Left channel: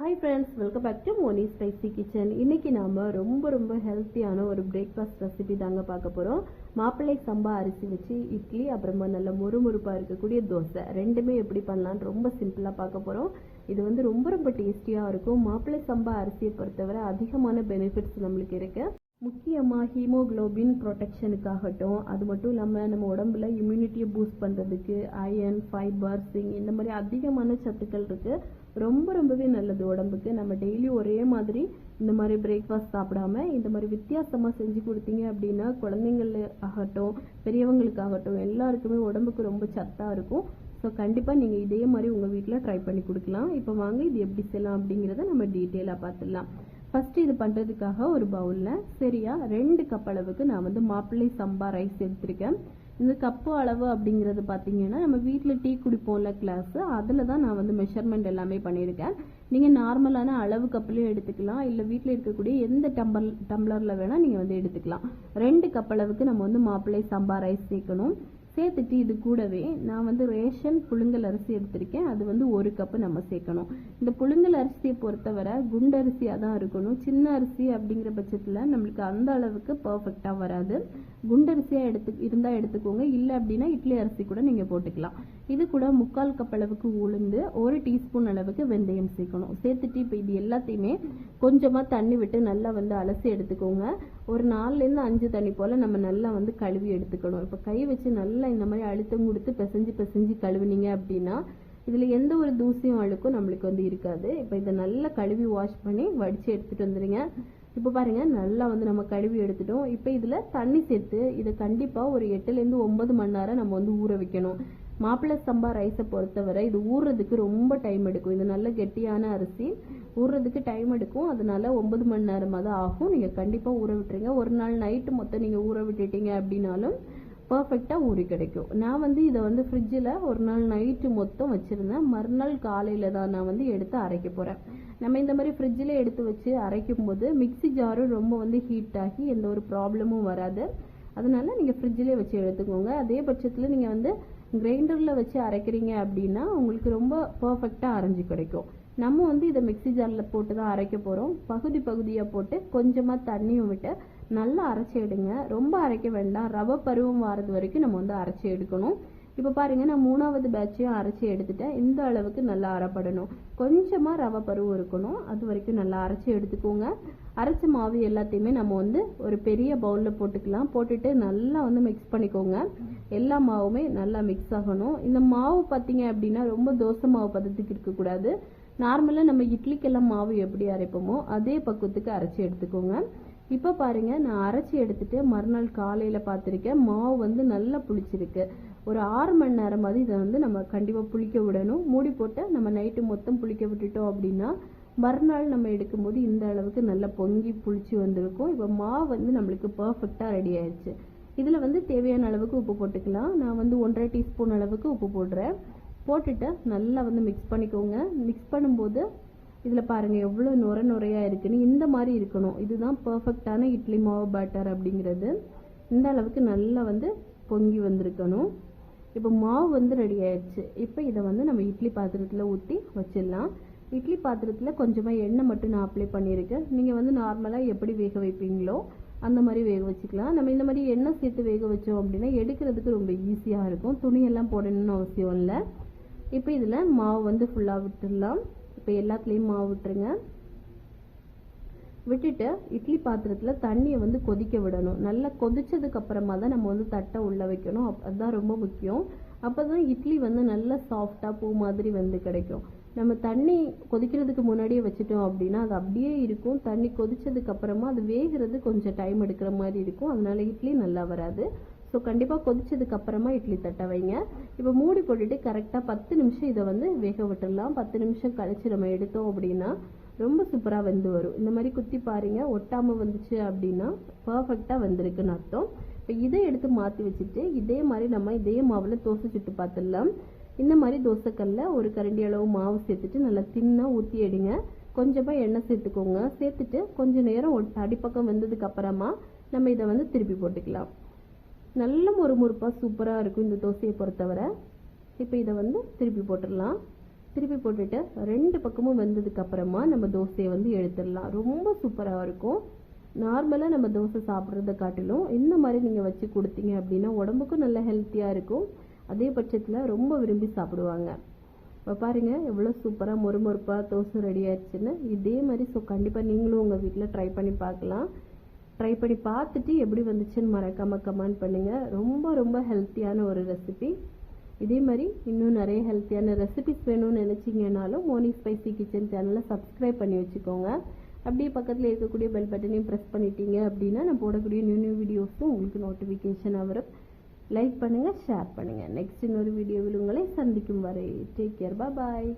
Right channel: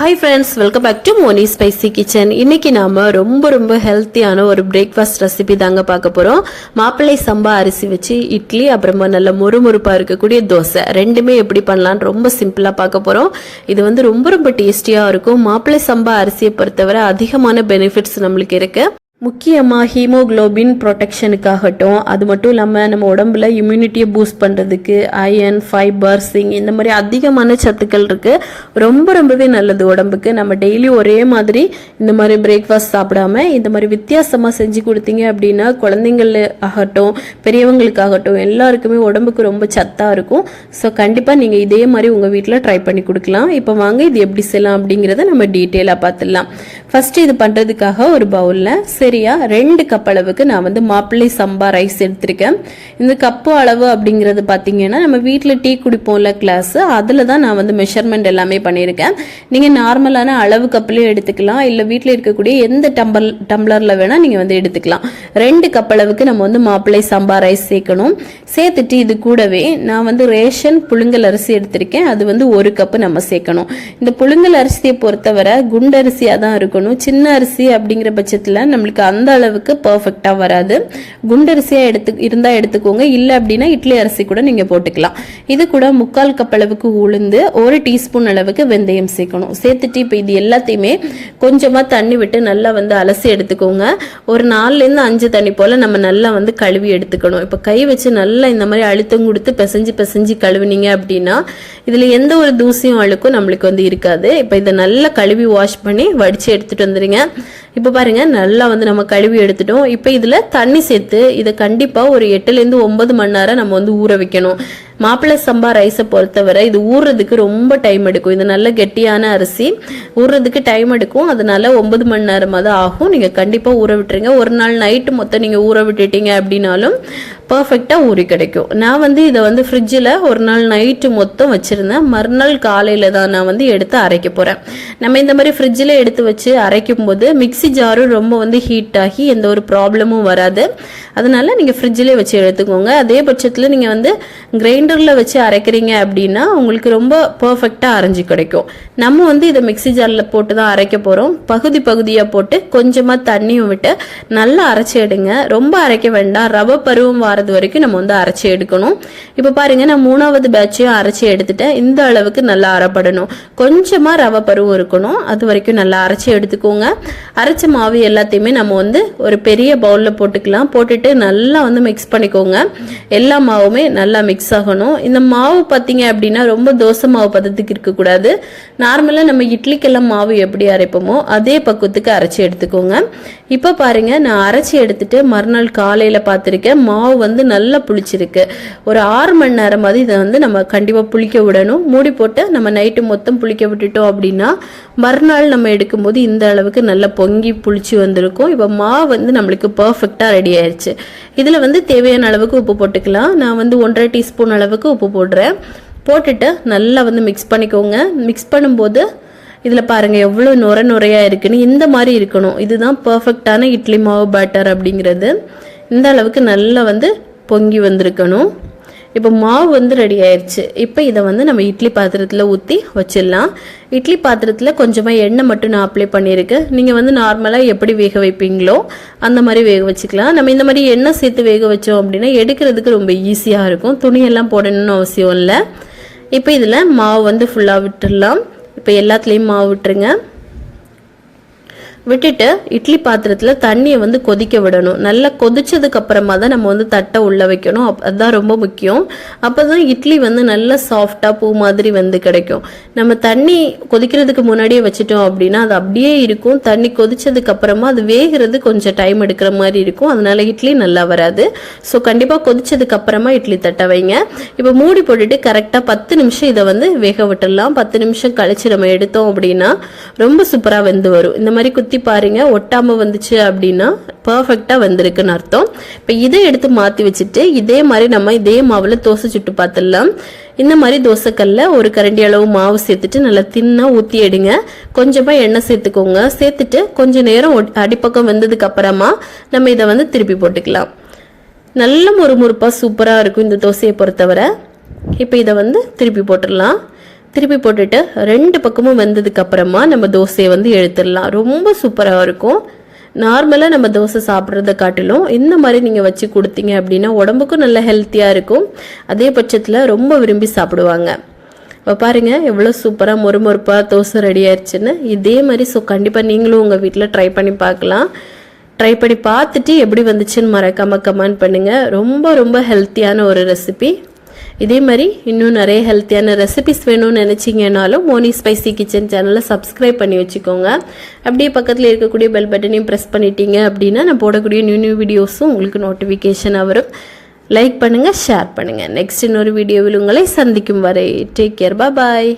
Hi friends, welcome back to Moni Spicy Kitchen. இன்னைக்கு நாம ரொம்ப ஹெல்த்தியான ஒரு பிரேக்ஃபாஸ்ட் ரெசிபி தாங்க பார்க்க போறோம். மாப்பிள்ளை சம்பா அரிசி வச்சு இட்லி அப்புறமா நல்ல முறுமுறுப்பா இருக்கக்கூடிய தோசை ரெண்டுமே எப்படி பண்ணலாம் ரொம்ப சிம்பிளா பார்க்க போறோம். இது வந்து ரொம்ப டேஸ்டியா இருக்கும். மாப்பிள்ளை சம்பா அரிசியை பொறுத்தவரை அதிகமான பெனிஃபிட்ஸ் நம்மளுக்கு இருக்கு. முக்கியமாக ஹீமோக்ளோபின் ப்ரொடெக்ஷனுக்காகட்டும், அது மட்டும் இல்லாமல் நம்ம உடம்புல இம்யூனிட்டியை பூஸ்ட் பண்ணுறதுக்கு அயன், ஃபைபர், சிங் இந்த மாதிரி அதிகமான சத்துக்கள் இருக்குது. ரொம்பவே நல்லது உடம்புக்கு. நம்ம டெய்லி ஒரே மாதிரி இந்த மாதிரி பிரேக்ஃபாஸ்ட் சாப்பிடாம இந்த மாதிரி வித்தியாசமாக செஞ்சு கொடுத்தீங்க அப்படின்னா குழந்தைங்கள் ஆகட்டும் பெரியவங்களுக்காகட்டும் எல்லாருக்குமே உடம்புக்கு ரொம்ப சத்தாக இருக்கும். ஸோ கண்டிப்பாக நீங்கள் இதே மாதிரி உங்கள் வீட்டில் ட்ரை பண்ணி கொடுக்கலாம். இப்போ வாங்க இது எப்படி செய்யலாம் அப்படிங்கிறத நம்ம டீட்டெயிலாக பார்த்துடலாம். ஃபஸ்ட்டு இது பண்ணுறதுக்காக ஒரு பவுலில் சரியா 2 கப் அளவுக்கு நான் வந்து மாப்பிள்ளை சம்பா ரைஸ் எடுத்திருக்கேன். இந்த கப்பு அளவு அப்படிங்கிறது பார்த்தீங்கன்னா நம்ம வீட்டில் டீ குடிப்போம்ல கிளாஸ், அதில் தான் நான் வந்து மெஷர்மெண்ட் எல்லாமே பண்ணியிருக்கேன். நீங்கள் நார்மலான அளவு கப்லேயும் எடுத்துக்கலாம், இல்லை வீட்டில் இருக்கக்கூடிய எந்த டம்ளரில் வேணால் நீங்கள் வந்து எடுத்துக்கலாம். 2 கப் அளவுக்கு நம்ம வந்து மாப்பிள்ளை சம்பா ரைஸ் சேர்க்கணும். சேர்த்துட்டு இது கூடவே நான் வந்து ரேஷன் புழுங்கல் அரிசி எடுத்திருக்கேன். அது வந்து 1 கப்பு நம்ம சேர்க்கணும். இந்த புழுங்கல் அரிசியை பொறுத்தவரை குண்டரிசியாக தான் இருக்கணும். சின்ன அரிசி அப்படிங்கிற பட்சத்தில் நம்மளுக்கு அந்த அளவுக்கு பர்ஃபெக்டா வராது. குண்டரிசியா இருந்தா எடுத்துக்கோங்க, இல்ல அப்படின்னா இட்லி அரிசி கூட நீங்க போட்டுக்கலாம். இது கூட 3/4 கப் அளவுக்கு உளுந்து, 1 டீஸ்பூன் அளவுக்கு வெந்தயம் சேர்க்கணும். சேர்த்துட்டு இப்போ இது எல்லாத்தையுமே கொஞ்சமா தண்ணி விட்டு நல்லா வந்து அலசி எடுத்துக்கோங்க. ஒரு 4ல இருந்து 5 தண்ணி போல நம்ம நல்லா வந்து கழுவி எடுத்துக்கணும். இப்போ கை வச்சு நல்லா இந்த மாதிரி அழுத்தம் கொடுத்து பிசைஞ்சு கழுவினீங்க அப்படின்னா இதுல எந்த ஒரு தூசியும் அழுக்கும் நம்மளுக்கு வந்து இருக்காது. இப்போ இதை நல்லா கழுவி வாஷ் பண்ணி வடிச்சு எடுத்துட்டு வந்துருங்க. இப்போ பாருங்க நல்லா வந்து நம்ம கழுவி எடுத்துட்டோம். இப்போ இதுல தண்ணி சேர்த்து இதை கண்டிப்பா ஒரு 8ல இருந்து 9 மணி நேரம் நம்ம வந்து ஊற வைக்கணும். மாப்பிள்ளை சம்பா ரைஸை பொறுத்தவரை இது ஊறுறதுக்கு ரொம்ப டைம் எடுக்கும். இது நல்ல கெட்டியான அரிசி, ஊறுறதுக்கு டைம் எடுக்கும். அதனால 9 மணி நேரமாக தான் ஆகும். நீங்கள் கண்டிப்பாக ஊற விட்டுருங்க. ஒரு நாள் நைட்டு மொத்தம் நீங்கள் ஊற விட்டுட்டீங்க அப்படின்னாலும் பர்ஃபெக்டாக ஊறி கிடைக்கும். நான் வந்து இதை வந்து ஃப்ரிட்ஜில் ஒரு நாள் நைட்டு மொத்தம் வச்சுருந்தேன். மறுநாள் காலையில் தான் நான் வந்து எடுத்து அரைக்க போகிறேன். நம்ம இந்த மாதிரி ஃப்ரிட்ஜில் எடுத்து வச்சு அரைக்கும் போது மிக்சி ஜாரும் ரொம்ப வந்து ஹீட் ஆகி எந்த ஒரு ப்ராப்ளமும் வராது. அதனால நீங்கள் ஃப்ரிட்ஜிலே வச்சு எடுத்துக்கோங்க. அதே பட்சத்தில் நீங்கள் வந்து கிரைண்டரில் வச்சு அரைக்கிறீங்க அப்படின்னா உங்களுக்கு ரொம்ப பர்ஃபெக்டாக அரைஞ்சி கிடைக்கும். நம்ம வந்து இதை மிக்சி ஜாரில் போட்டு தான் அரைக்க போகிறோம். பகுதியாக போட்டு கொஞ்சமாக தண்ணியும் விட்டு நல்லா அரைச்சி எடுங்க. ரொம்ப அரைக்க வேண்டாம், ரவை பருவம் வாரது வரைக்கும் நம்ம வந்து அரைச்சி எடுக்கணும். இப்போ பாருங்க நான் 3வது பேட்சையும் அரைச்சி எடுத்துட்டேன். இந்த அளவுக்கு நல்லா அரைப்படணும். கொஞ்சமாக ரவை பருவம் இருக்கணும், அது வரைக்கும் நல்லா அரைச்சி எடுத்துக்கோங்க. அரைச்ச மாவு எல்லாத்தையுமே நம்ம வந்து ஒரு பெரிய பவுலில் போட்டுக்கலாம். போட்டுட்டு நல்லா வந்து மிக்ஸ் பண்ணிக்கோங்க. எல்லா மாவுமே நல்லா மிக்ஸ் ஆகணும். இந்த மாவு பார்த்தீங்க அப்படின்னா ரொம்ப தோசை மாவு பதத்துக்கு இருக்கக்கூடாது. நார்மலாக நம்ம இட்லிக்கெல்லாம் மாவு எப்படி அரைப்போமோ அதே பக்குவத்துக்கு அரைச்சி எடுத்துக்கோங்க. இப்போ பாருங்க நான் அரைச்சி எடுத்துட்டு மறுநாள் காலையில் பார்த்துருக்கேன். மாவு வந்து நல்லா புளிச்சிருக்கு. ஒரு 6 மணி நேரமாவது இதை வந்து நம்ம கண்டிப்பாக புளிக்க விடணும். மூடி போட்டு நம்ம நைட்டு மொத்தம் புளிக்க விட்டுட்டோம் அப்படின்னா மறுநாள் நம்ம எடுக்கும்போது இந்த அளவுக்கு நல்லா பொங்கி புளிச்சு வந்திருக்கும். இப்போ மாவு வந்து நம்மளுக்கு பர்ஃபெக்டாக ரெடி ஆயிடுச்சு. இதில் வந்து தேவையான அளவுக்கு உப்பு போட்டுக்கலாம். நான் வந்து 1.5 டீஸ்பூன் அளவுக்கு உப்பு போடுறேன். போட்டுட்டு நல்லா வந்து மிக்ஸ் பண்ணிக்கோங்க. மிக்ஸ் பண்ணும்போது இதில் பாருங்கள் எவ்வளோ நுரையாக இருக்குன்னு இந்த மாதிரி இருக்கணும். இதுதான் பர்ஃபெக்டான இட்லி மாவு பேட்டர் அப்படிங்கிறது. இந்த அளவுக்கு நல்லா வந்து பொங்கி வந்திருக்கணும். இப்போ மாவு வந்து ரெடி ஆயிடுச்சு. இப்போ இதை வந்து நம்ம இட்லி பாத்திரத்தில் ஊற்றி வச்சிடலாம். இட்லி பாத்திரத்தில் கொஞ்சமாக எண்ணெய் மட்டும் நான் அப்ளை பண்ணியிருக்கேன். நீங்கள் வந்து நார்மலாக எப்படி வேக வைப்பீங்களோ அந்த மாதிரி வேக வச்சுக்கலாம். நம்ம இந்த மாதிரி எண்ணெய் சேர்த்து வேக வச்சோம் அப்படின்னா எடுக்கிறதுக்கு ரொம்ப ஈஸியாக இருக்கும். துணியெல்லாம் போடணும்னு அவசியம் இல்லை. இப்போ இதில் மாவு வந்து ஃபுல்லாக விட்டுடலாம். இப்போ எல்லாத்துலேயும் மாவு விட்டுருங்க. விட்டுட்டு இட்லி பாத்திரத்தில் தண்ணியை வந்து கொதிக்க விடணும். நல்லா கொதிச்சதுக்கு அப்புறமா தான் நம்ம வந்து தட்டை உள்ள வைக்கணும். அதுதான் ரொம்ப முக்கியம். அப்போ தான் இட்லி வந்து நல்லா சாஃப்டாக பூ மாதிரி வந்து கிடைக்கும். நம்ம தண்ணி கொதிக்கிறதுக்கு முன்னாடியே வச்சுட்டோம் அப்படின்னா அது அப்படியே இருக்கும். தண்ணி கொதிச்சதுக்கு அப்புறமா அது வேகிறது கொஞ்சம் டைம் எடுக்கிற மாதிரி இருக்கும். அதனால இட்லி நல்லா வராது. ஸோ கண்டிப்பாக கொதிச்சதுக்கு அப்புறமா இட்லி தட்டை வைங்க. இப்போ மூடி போட்டுட்டு கரெக்டாக 10 நிமிஷம் இதை வந்து வேக விட்டுடலாம். 10 நிமிஷம் கழிச்சு நம்ம எடுத்தோம் அப்படின்னா ரொம்ப சூப்பராக வெந்து வரும். இந்த மாதிரி குத்தி பாருங்க, ஒட்டாம வந்துச்சு அப்படின்னா பர்ஃபெக்டா வந்திருக்குன்னு அர்த்தம். இப்போ இதை எடுத்து மாற்றி வச்சுட்டு இதே மாதிரி நம்ம இதே மாவில் தோசை சுட்டு பார்த்துடலாம். இந்த மாதிரி தோசைக்கல்ல ஒரு கரண்டி அளவு மாவு சேர்த்துட்டு நல்லா தின்னா ஊற்றி எடுங்க. கொஞ்சமாக எண்ணெய் சேர்த்துக்கோங்க. சேர்த்துட்டு கொஞ்சம் நேரம் அடிப்பக்கம் வந்ததுக்கு அப்புறமா நம்ம இதை வந்து திருப்பி போட்டுக்கலாம். நல்ல முறுமுறுப்பாக சூப்பராக இருக்கும் இந்த தோசையை பொறுத்தவரை. இப்போ இதை வந்து திருப்பி போட்டுடலாம். திருப்பி போட்டுட்டு 2 பக்கமும் வெந்ததுக்கு அப்புறமா நம்ம தோசையை வந்து எடுத்துடலாம். ரொம்ப சூப்பராக இருக்கும். நார்மலாக நம்ம தோசை சாப்பிட்றத காட்டிலும் இந்த மாதிரி நீங்கள் வச்சு கொடுத்தீங்க அப்படின்னா உடம்புக்கும் நல்ல ஹெல்த்தியாக இருக்கும். அதே பட்சத்தில் ரொம்ப விரும்பி சாப்பிடுவாங்க. இப்போ பாருங்கள் எவ்வளோ சூப்பராக மொறுமொறுப்பாக தோசை ரெடி ஆயிடுச்சுன்னு. இதே மாதிரி கண்டிப்பாக நீங்களும் உங்கள் வீட்டில் ட்ரை பண்ணி பார்க்கலாம். ட்ரை பண்ணி பார்த்துட்டு எப்படி வந்துச்சுன்னு மறக்காமல் கமெண்ட் பண்ணுங்கள். ரொம்ப ரொம்ப ஹெல்த்தியான ஒரு ரெசிபி. இதே மாதிரி இன்னும் நிறைய ஹெல்த்தியான ரெசிபிஸ் வேணும்னு நினச்சிங்கனாலும் மோனி ஸ்பைசி கிச்சன் சேனலை சப்ஸ்கிரைப் பண்ணி வச்சுக்கோங்க. அப்படியே பக்கத்தில் இருக்கக்கூடிய பெல் பட்டனையும் ப்ரெஸ் பண்ணிட்டீங்க அப்படின்னா நான் போடக்கூடிய நியூ வீடியோஸும் உங்களுக்கு நோட்டிஃபிகேஷனாக வரும். லைக் பண்ணுங்கள், ஷேர் பண்ணுங்கள். நெக்ஸ்ட் இன்னொரு வீடியோவில் உங்களை சந்திக்கும் வரை டேக் கேர், பாய்.